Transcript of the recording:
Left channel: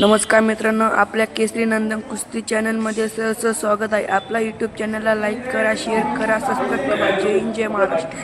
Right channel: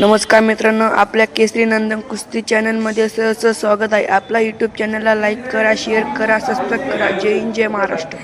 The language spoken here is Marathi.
नमस्कार मित्रांनो आपल्या केसरी नंदन कुस्ती चॅनलमध्ये सहज स्वागत आहे आपला यूट्यूब चॅनलला लाईक करा शेअर करा सबस्क्राईब करा जय हिंद जय महाराष्ट्र